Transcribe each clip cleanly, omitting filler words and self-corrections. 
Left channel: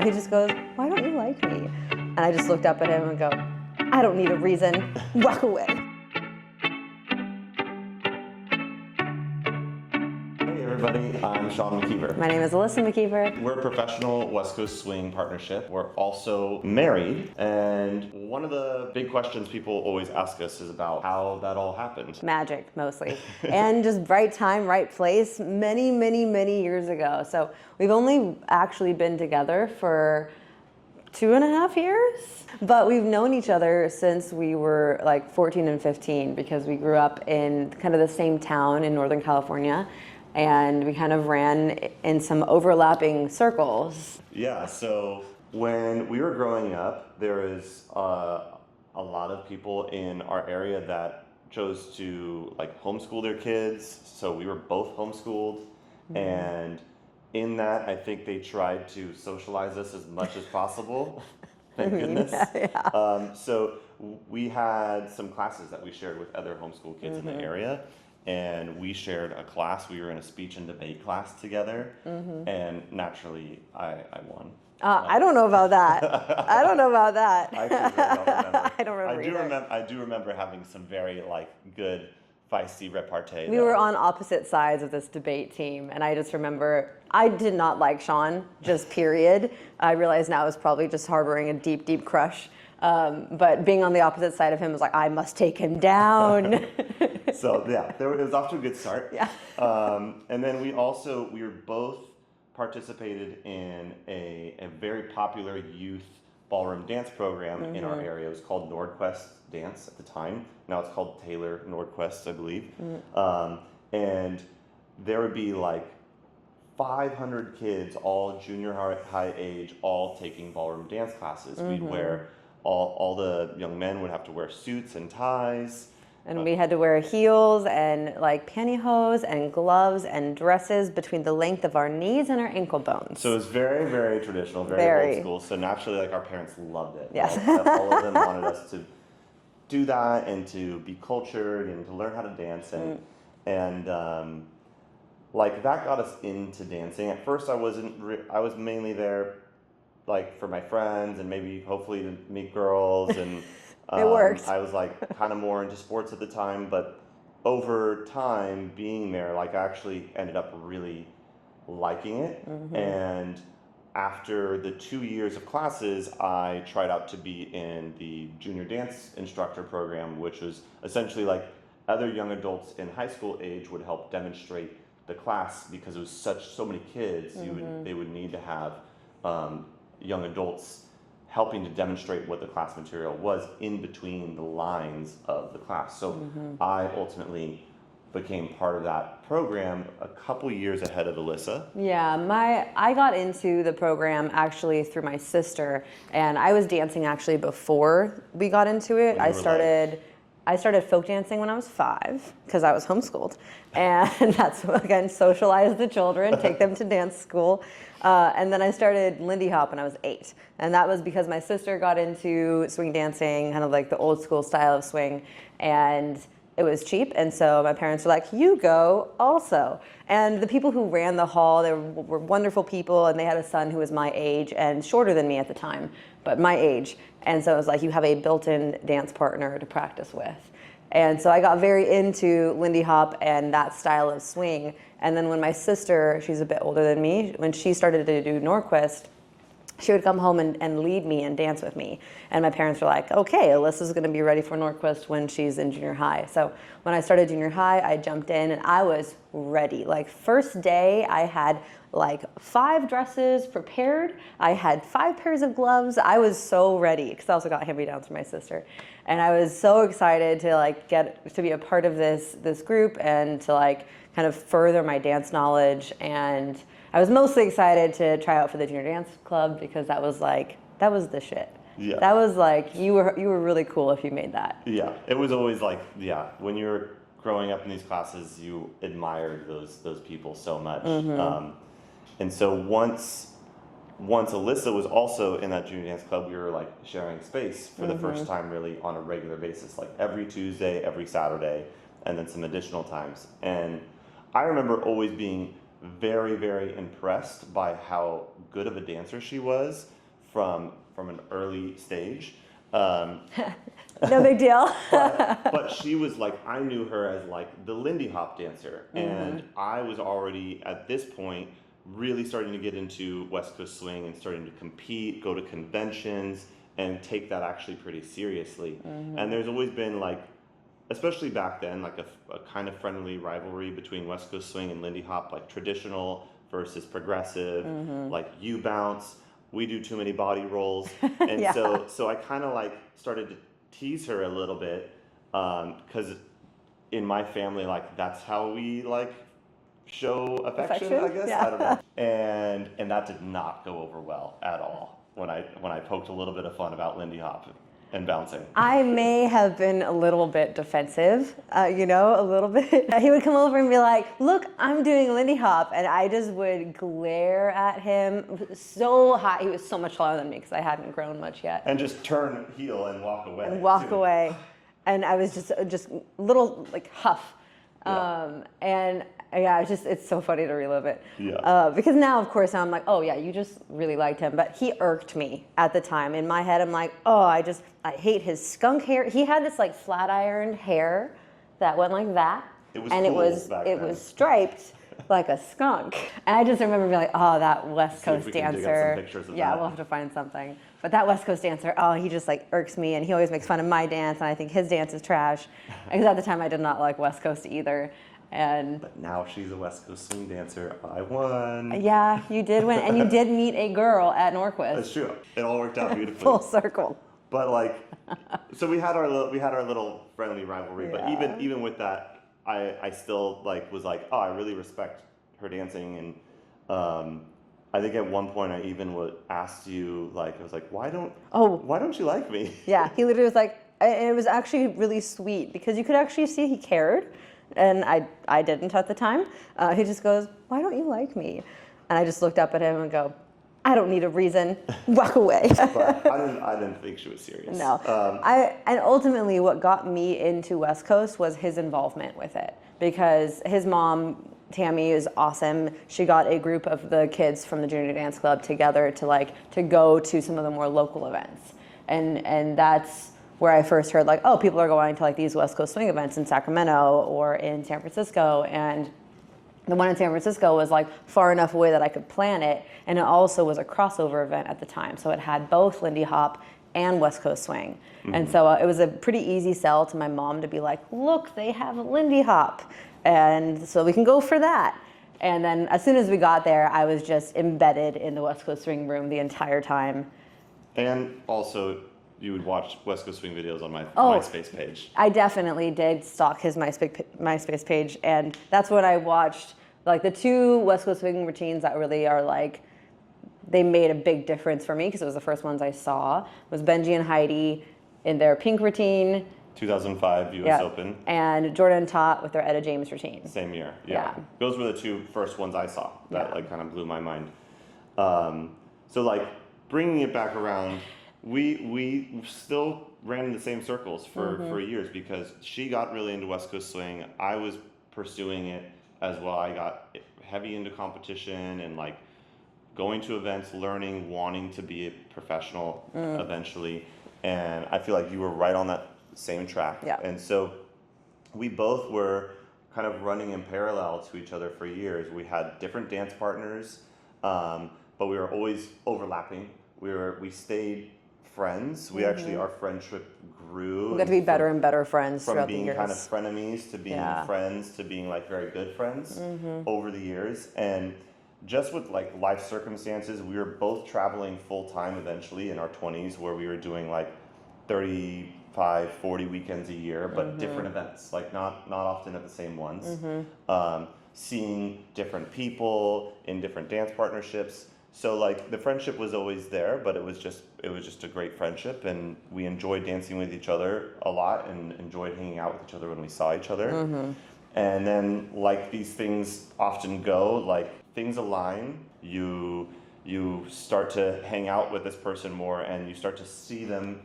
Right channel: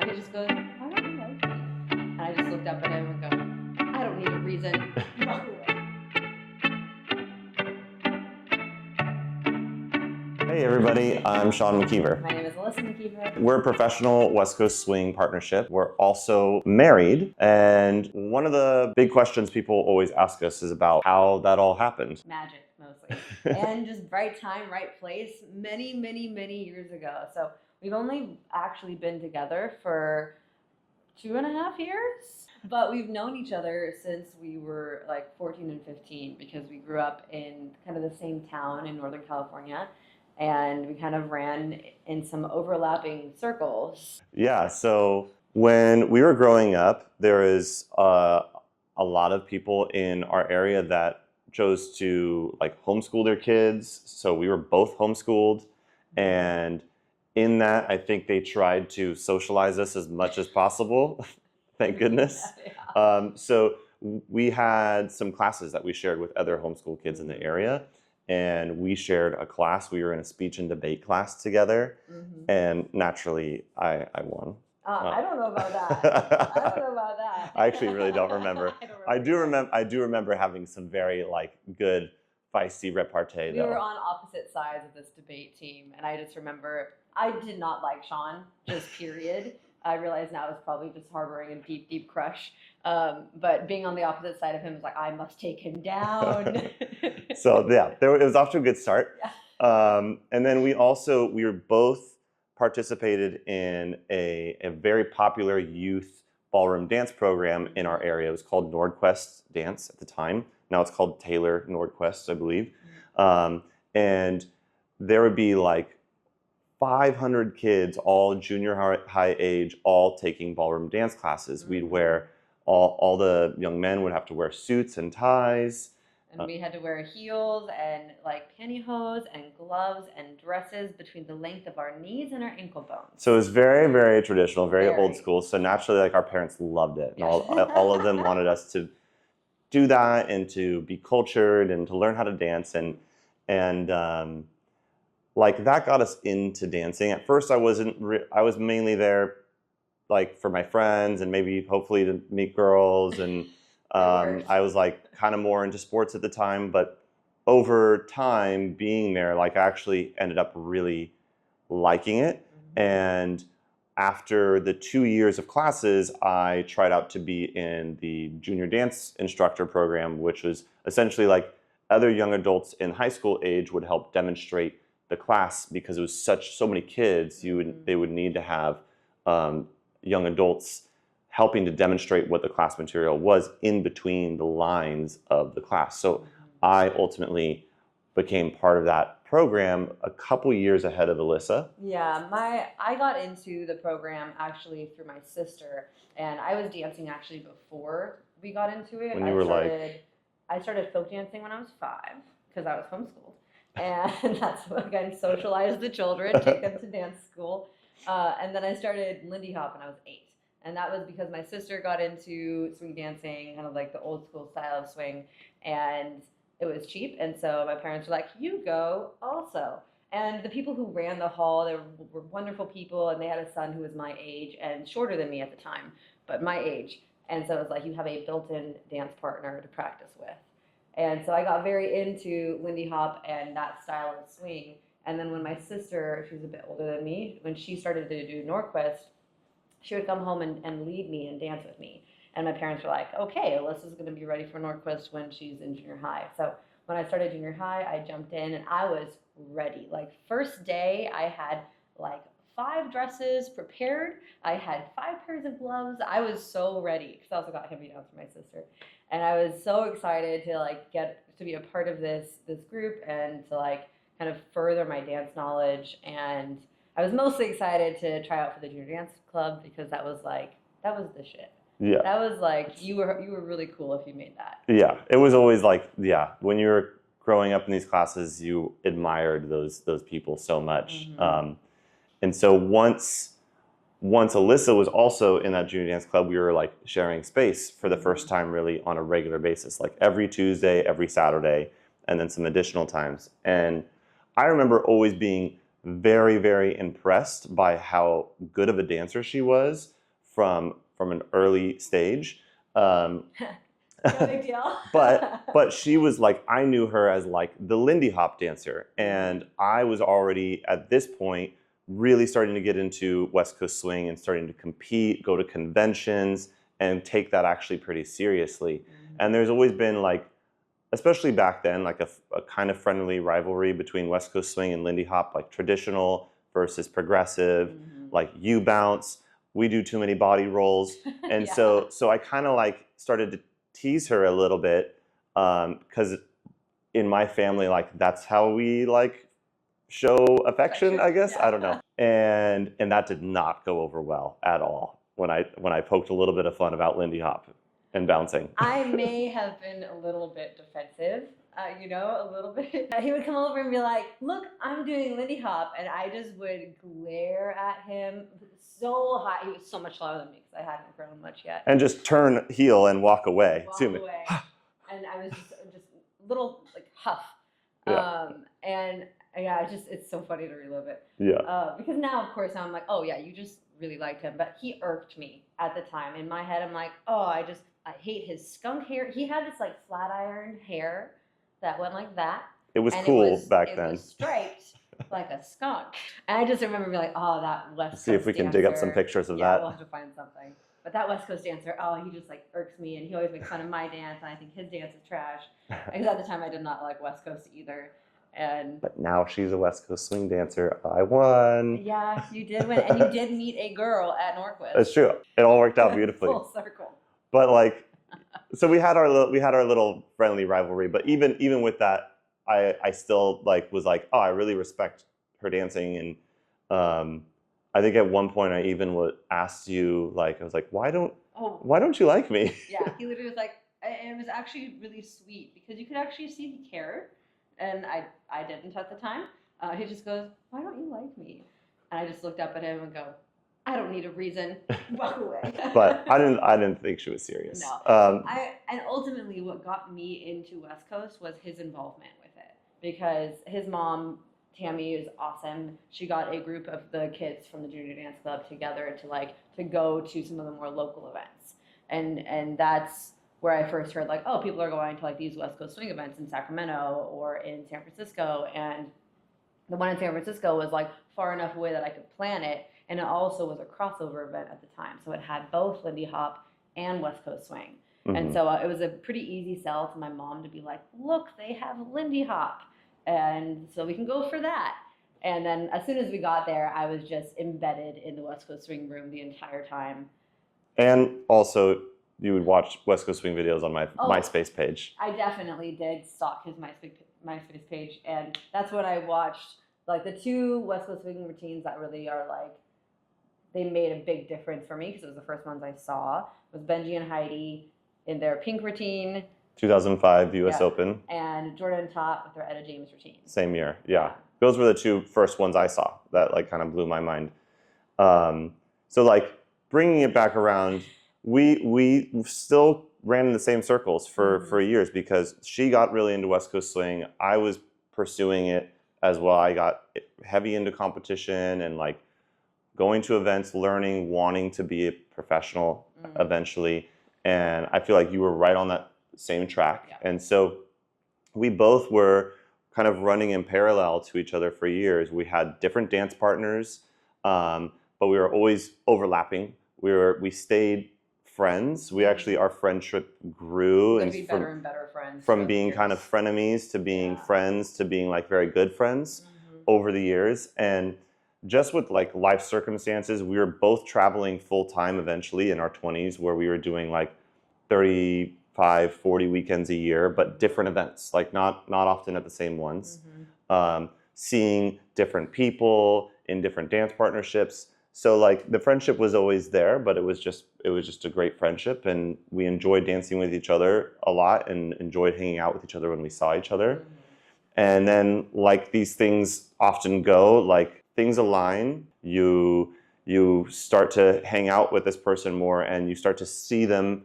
He just goes, "Why don't you like me?" And I just looked up at him and go, "I don't need a reason. Walk away." Hey everybody, I'm Sean McKeever. My name is Alyssa McKeever. We're a professional West Coast swing partnership. We're also married, and one of the big questions people always ask us is about how that all happened. Magic, mostly. And just right time, right place, many, many, many years ago. So we've only actually been together for 2.5 years, but we've known each other since we were like 14 and 15 because we grew up in kind of the same town in Northern California. And we kind of ran in some overlapping circles. Yeah, so when we were growing up, there was a lot of people in our area that chose to like homeschool their kids. So we were both homeschooled. Mm-hmm. And in that, I think they tried to socialize us as much as possible. Thank goodness. Yeah. So we had some classes that we shared with other homeschool kids in the area. And we shared a class. We were in a speech and debate class together, and naturally, I won. I don't know about that. I don't know about that. I actually really don't remember. I don't remember. I do remember having some very good feisty repartee. We were on opposite sides of this debate team, and I just remember I did not like Sean. Just period. I realize now I was probably just harboring a deep, deep crush. But being on the opposite side of him was like, I must take him down. So yeah, it was off to a good start. Yeah. And then we were both participated in a very popular youth ballroom dance program in our area. It was called Nordquest Dance at the time. Now it's called Taylor Nordquest, I believe. And there would be like 500 kids, all junior high age, all taking ballroom dance classes. We'd wear all the young men would have to wear suits and ties. And we had to wear heels and like pantyhose and gloves and dresses between the length of our knees and our ankle bones. So it was very, very traditional, very old school. So naturally, like our parents loved it. Yes. All of them wanted us to do that and to be cultured and to learn how to dance. And like that got us into dancing. At first, I was mainly there like for my friends and maybe hopefully to meet girls and I was like kind of more into sports at the time, but over time being there, like I actually ended up really liking it. And after the 2 years of classes, I tried out to be in the junior dance instructor program, which was essentially like other young adults in high school age would help demonstrate the class because it was so many kids. They would need to have young adults helping to demonstrate what the class material was in between the lines of the class. So I ultimately became part of that program a couple years ahead of Alyssa. Yeah, I got into the program actually through my sister, and I was dancing actually before we got into it. I started folk dancing when I was 5 because I was homeschooled, and that's again socialize the children, take them to dance school. And then I started Lindy Hop when I was 8. And that was because my sister got into swing dancing, kind of like the old school style of swing. And it was cheap. And so my parents were like, you go also. And the people who ran the hall, they were wonderful people. And they had a son who was my age and shorter than me at the time, but my age. And so it was like, you have a built-in dance partner to practice with. And so I got very into Lindy Hop and that style of swing. And then when my sister, she's a bit older than me, when she started to do Norquist, she would come home and lead me and dance with me. And my parents were like, okay, Alyssa's gonna be ready for Norquist when she's in junior high. So when I started junior high, I jumped in and I was ready. Like first day, I had like 5 dresses prepared. I had 5 pairs of gloves. I was so ready because I also got hand-me-downs from my sister. And I was so excited to like get to be a part of this group and to like kind of further my dance knowledge. And I was mostly excited to try out for the junior dance club because that was the shit. Yeah. That was like, you were really cool if you made that. Yeah, it was always like, when you were growing up in these classes, you admired those people so much. And so once Alyssa was also in that junior dance club, we were like sharing space for the first time really on a regular basis, like every Tuesday, every Saturday, and then some additional times. And I remember always being very, very impressed by how good of a dancer she was from an early stage. No big deal. but she was like, I knew her as like the Lindy Hop dancer, and I was already at this point really starting to get into West Coast swing and starting to compete, go to conventions, and take that actually pretty seriously. And there's always been like, especially back then, like a kind of friendly rivalry between West Coast swing and Lindy Hop, like traditional versus progressive, like you bounce, we do too many body rolls. And so I kind of like started to tease her a little bit, because in my family, like that's how we like show affection, I guess. Yeah. I don't know. And that did not go over well at all when I poked a little bit of fun about Lindy Hop and bouncing. I may have been a little bit defensive, a little bit. He would come over and be like, look, I'm doing Lindy Hop. And I just would glare at him so high. He was so much taller than me because I hadn't grown much yet. And just turn heel and walk away. Walk away. And I was just little like huff. And yeah, it's so funny to relive it. Yeah. Because now, of course, I'm like, oh yeah, you just really liked him. But he irked me at the time. In my head, I'm like, oh, I hate his skunk hair. He had this like flat ironed hair that went like that. It was and cool back it then. It was striped like a skunk. And I just remember being like, oh, that West Coast dancer. See if we can dig up some pictures of that. Yeah, we'll have to find something. But that West Coast dancer, oh, he just like irks me, and he always makes fun of my dance, and I think his dance is trash. Because at the time I did not like West Coast either. But now she's a West Coast swing dancer. I won. Yeah, you did win, and you did meet a girl at Norquist. That's true. It all worked out beautifully. Full circle. But like, so we had our little friendly rivalry. But even with that, I still like was like, oh, I really respect her dancing, and I think at one point I even asked you, like, I was like, why don't you like me? Yeah, he literally was like, and it was actually really sweet because you could actually see he cared. And I didn't at the time. He just goes, why don't you like me? And I just looked up at him and go, I don't need a reason. Walk away. But I didn't think she was serious. No. And ultimately what got me into West Coast was his involvement with it. Because his mom, Tammy, is awesome. She got a group of the kids from the Junior Dance Club together to go to some of the more local events. And that's where I first heard like, oh, people are going to like these West Coast swing events in Sacramento or in San Francisco. And the one in San Francisco was like far enough away that I could plan it. And it also was a crossover event at the time. So it had both Lindy Hop and West Coast swing. And so it was a pretty easy sell to my mom to be like, look, they have Lindy Hop. And so we can go for that. And then as soon as we got there, I was just embedded in the West Coast swing room the entire time. And also, you would watch West Coast swing videos on my MySpace page. I definitely did stalk his MySpace page, and that's what I watched. Like the two West Coast swing routines that really are like, they made a big difference for me because it was the first ones I saw. Was Benji and Heidi in their pink routine. 2005 US Open. And Jordan and Tot with their Etta James routine. Same year, yeah. Those were the two first ones I saw that like kind of blew my mind. So like bringing it back around, we still ran in the same circles for years because she got really into West Coast swing. I was pursuing it as well. I got heavy into competition and like going to events, learning, wanting to be a professional eventually. And I feel like you were right on that same track. Yeah. And so we both were kind of running in parallel to each other for years. We had different dance partners, but we were always overlapping. We stayed friends. We actually, our friendship grew. We got to be better and better friends. From being kind of frenemies to being friends to being like very good friends over the years. And just with like life circumstances, we were both traveling full time eventually in our 20s where we were doing like 35, 40 weekends a year, but different events, like not often at the same ones. Seeing different people in different dance partnerships. So like the friendship was always there, but it was just a great friendship, and we enjoyed dancing with each other a lot and enjoyed hanging out with each other when we saw each other. And then like these things often go, like things align, you start to hang out with this person more and you start to see them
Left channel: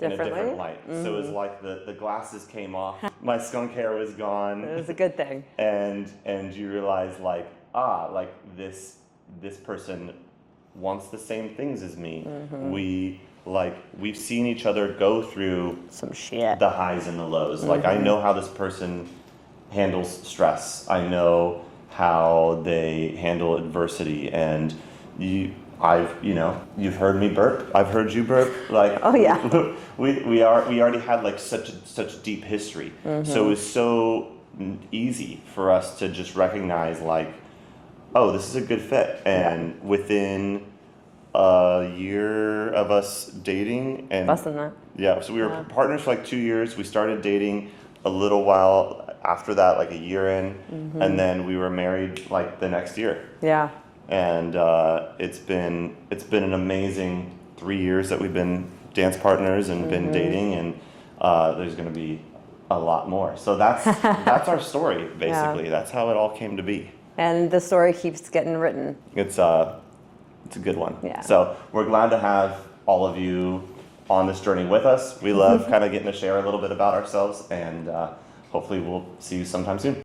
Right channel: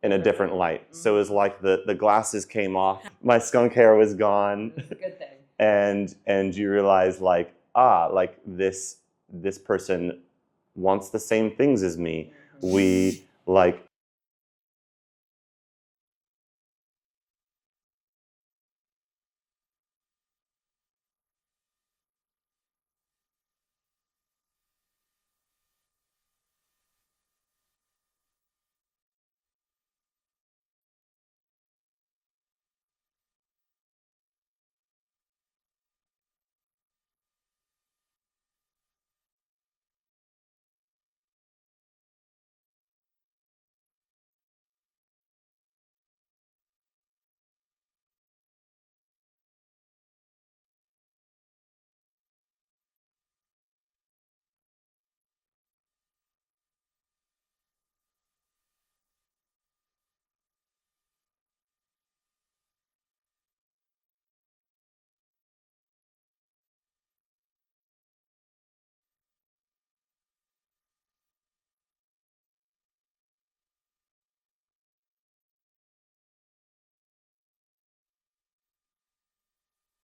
in a different light. So it was like the glasses came off, my skunk hair was gone. It was a good thing. And you realize like, like this person wants the same things as me. We've seen each other go through some shit, the highs and the lows. Like I know how this person handles stress. I know how they handle adversity, and you've heard me burp. I've heard you burp. Like, oh yeah, we already had like such deep history. So it was so easy for us to just recognize like, oh, this is a good fit. And within a year of us dating, and less than that. Yeah, so we were partners for like 2 years. We started dating a little while after that, like a year in, and then we were married like the next year. Yeah. And it's been an amazing 3 years that we've been dance partners and been dating, and there's going to be a lot more. So that's our story basically. Yeah. That's how it all came to be. And the story keeps getting written. It's a good one. Yeah. So we're glad to have all of you on this journey with us. We love kind of getting to share a little bit about ourselves, and hopefully we'll see you sometime soon.